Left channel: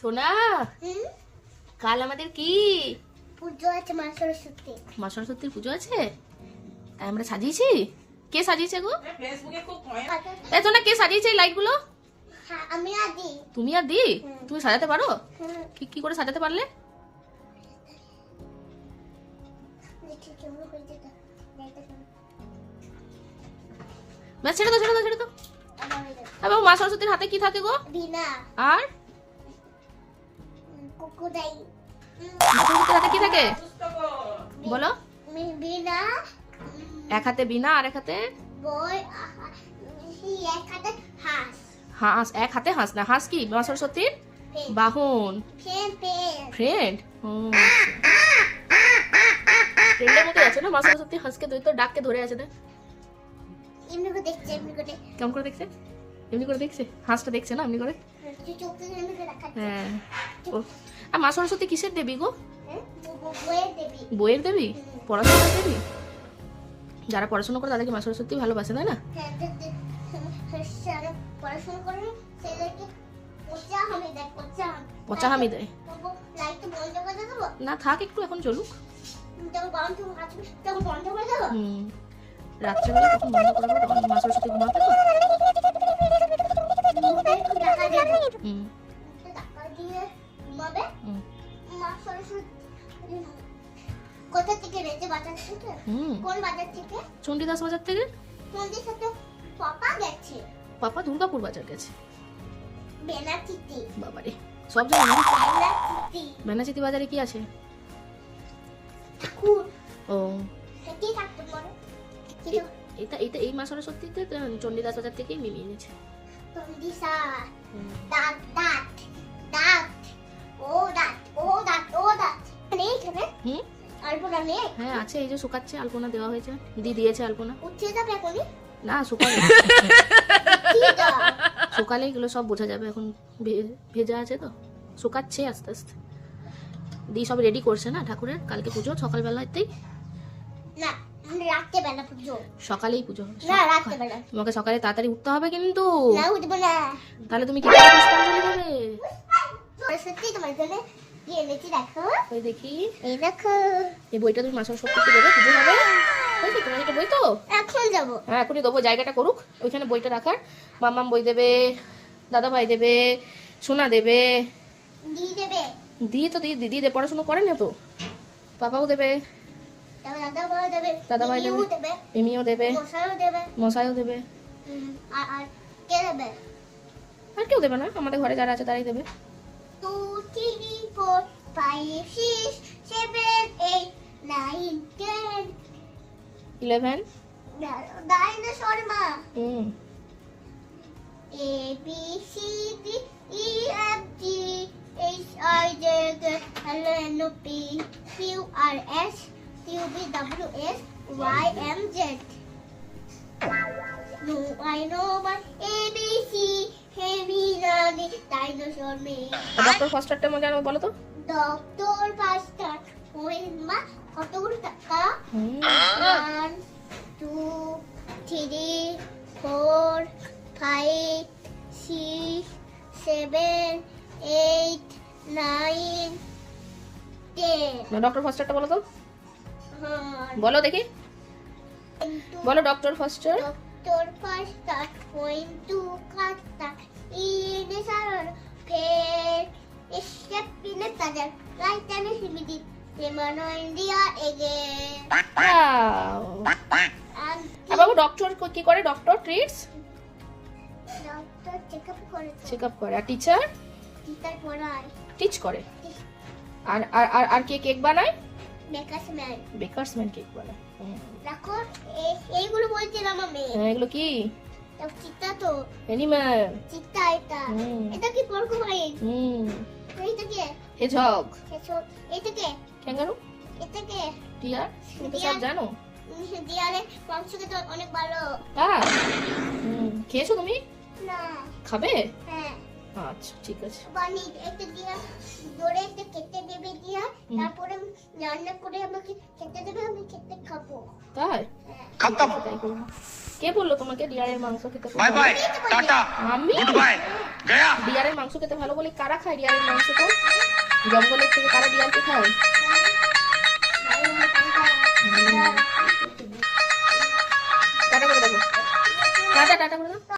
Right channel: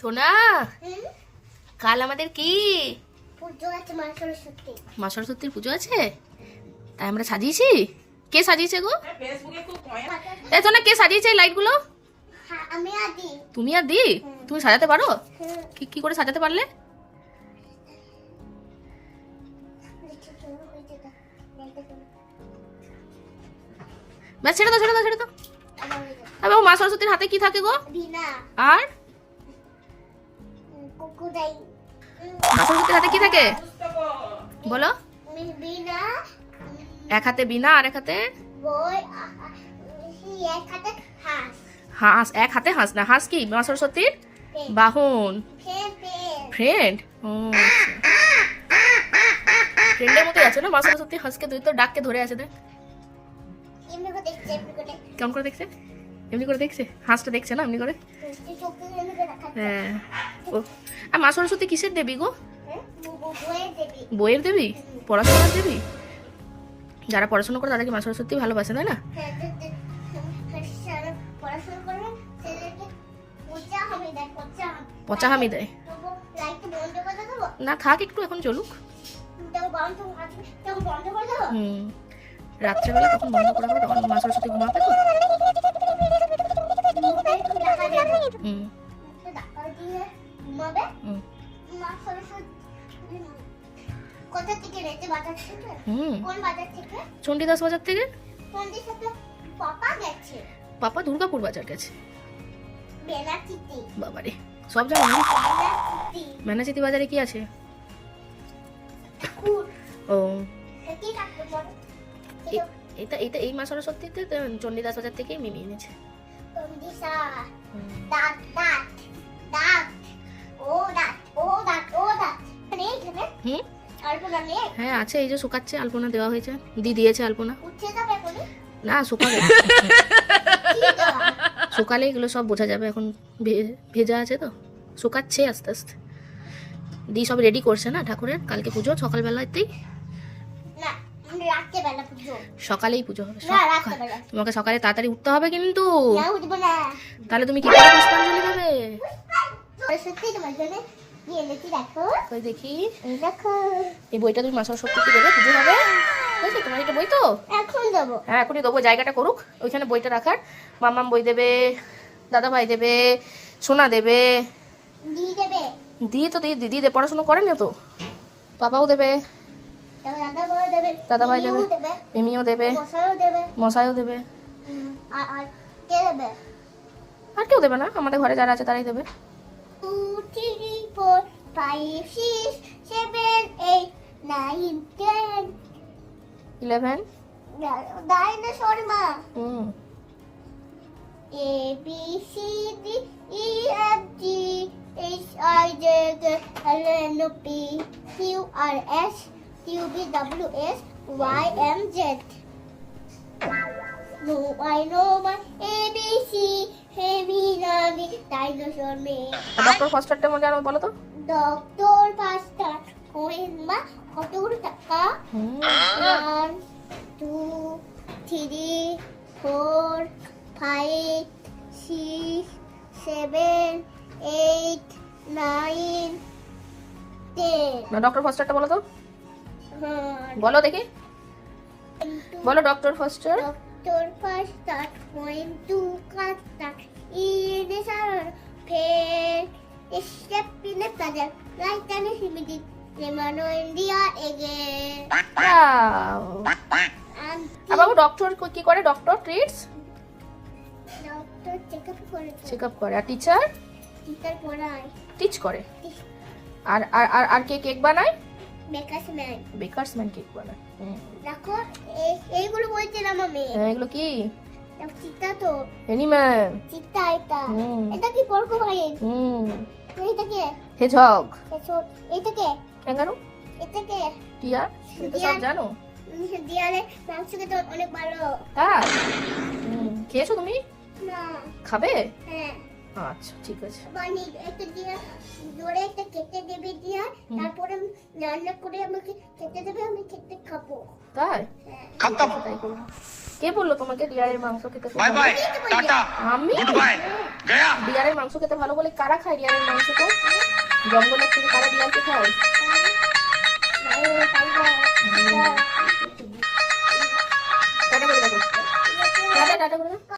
সোনা কাল আমাদের কি পুজো আছে? মা সরস্বতী। মা সরস্বতীর পুজো আছে, তাই আমরা সাজিয়েছি। কে সাজিয়েছে গো? এ সোনা, কে সাজিয়েছে এই লাইট গুলো? আমি আদি। তুমি আর দি? তুমি সাজাতে পারো? কি কি করে সাজাতে পারলে? ব্যাস ছেড়ে দাও, ছেড়ে দাও, ছেড়ে দাও। আরে মা সরস্বতীর হাতে কি থাকে গো? বীণা আর কুকুরাই। মা সরস্বতীর হাতে কি থাকে বলো? বীণা, এক হাতে বীণা আর এক হাতে বই, এক হাতে হাঁস। হাঁস। এক হাতে হাঁস না, হাঁস কি মা সরস্বতীর বাহন, ফ্রেন্ড। ফ্রেন্ডের মতো আছে না মা সরস্বতী হাঁসকে, দুই তো ডাককে ধরে আছে। দেখ এমনি করে দেখছে, এমনি করে। কেমন করে দেখছে? এমনি করে দেখছে, হাঁসটা দেখছে না এমনি করে। তুই চোখে এমনি করে রাখা। হ্যাঁ। আর মা সরস্বতী কিসের দেবী গো? বইয়ের দেবী। বইয়ের দেবী, পড়াশোনার দেবী। যারা পড়াশোনা করে তাদেরকে মা সরস্বতী ভালোবাসে, তাই না? পড়াশোনা করে ছেলেকে পচা হামি দেয় লাইট বন্ধ করে দেবো না, থাক একটু, এখন চলুক। বন্ধ করে দেবো। রাত্রে মা সরস্বতী ঘুমাবে তো। কোথা থেকে রেখে বাজার থেকে? কোন বাজার থেকে? চণ্ডীদাস বাজার থেকে। চন্ডির সাথে পাপা গেছে। পাপা দুর্গাপুর বাজার গেছে। বেনাচিতি। বাবারে, সব জায়গায় বেনাচিতি। মেনাচিতি বাজারে কি আছে? কুট। ও, কি কাটতে পারে? এটা এটা এই মা সরস্বতীতে চণ্ডীদাস বাজার থেকেই মিমিয়ে নিয়েছে। চন্ডিসা। দাঁত দাঁত দাঁত। ও দাঁত ও দাঁত ও দাঁত। নেই এখানে? আলপনা নেই? হ্যাঁ আছে, এই যে শুকাচ্ছে, আলপনা দেওয়া হয়েছে, দিয়েছে আলপনা। উঠে যাবে এখনই? না, শুকালে শুকালে এগুলো সব বোঝা যাবে, এখন ভেজা আছে তো, শুকাচ্ছে আস্তে আস্তে। দি সব রেডি করছে না ঠাকুরের, কালকে পুজো সকালবেলাতেই। না, রাতে বেলা পুজো। সকালেই পুজো হবে। না, রাতে বেলা। তোমাকে সকালে তাড়াতাড়ি উঠতে হবে কিন্তু। না, উঠবো না। তাহলে তুমি কি করে পুষ্পাঞ্জলি দেবে? সত্যি তোমার জন্য কি এনেছি দেখো। ওই দেখি, এই দেখো। এই বইটা তুমি মা সরস্বতীকে দেবে, পুজো হবে। বুঝলি, তোমার এটা বই তো। এখন যাবো। হ্যাঁ, এখনই দেবো, জায়গাটা করুক ওইখানে বইটা রাখার। মাম্মাম বই দেবে, দাদা ভাই দেবে, সোনা দেবে, দিয়ে দেবে। দিদি পড়াশোনা করেন না তো, পাপাও দেবে, দাদা ভাই দেবে, দাদা ভাই দেবে, মিমিও দেবে, মিমিও দেবে, মশাইও দেবে, মশাইও দেবে। আর কে দেবে? আর কেউ দেবে না, আমাদের ঘরে যারা আছে তারাই দেবে। 2 3 4 5 6 7 8 9 10 11। ডাইনোসর মা। হুম। A B C D E F G H I J K L M N O P Q R S T U V W X Y and Z. No, I know my ABC. Heavy Nagi Dinosaur name. Doctor ফার্স্টারটা মনে জানো বলো তো? Doctor Pasta. মা কতগুলো টাকা? 1 2 3 4 5 6 7 8 9 10. না, doctor ফার্স্টারটা বলো তো, বলো দেখি, বলো doctor faster. Doctor Pasta. Going to Kata. Irisar. Fair. Step in the puzzle. Right time is limited. Lemano India again. And আর বাবু ডক্টর কি করে? Doctor treats, doctor check up for it. Check up করে। আর teacher Teacher পড়ায়। Teach করে। আর আর আর আর কে cake বানায়? Baker's man. Bakers man cake বানায়। দেখো এইগুলো বলছে না মামি। এগুলো কি? চিতা তো। অ্যানিম্যাল। চিতা এটা। এটা কি পরকোয়াই? এটা কি? হেজহগ। এটা কি? ক্যাঙ্গারু। এটা কি? টিয়ার। তুমি সব জানো? দিয়ালে মাংস খেতে অনেক ভালো। তারা খেয়েছো তুমি? না। খাবে? হ্যাঁ। আচ্ছা ঠিক আছে। বানি একটা দিয়া জোরে একটা কেটে দেবে দিয়া, তারপরে রান্না করে আমাকে খেতে দেবে, আমি খেতে খাবো। তাই? হ্যাঁ। खत्म। কে বললো তোমাকে ডিয়ারের মাংস খেতে? बाय बाय टाटा আমি गुड बाय गया। ডিয়ারের মাংস খেতে ভালো বলে কারা খায় ডিয়ারের মাংস? তো জঙ্গলের থেকে কারা ডিয়ারকে খায়?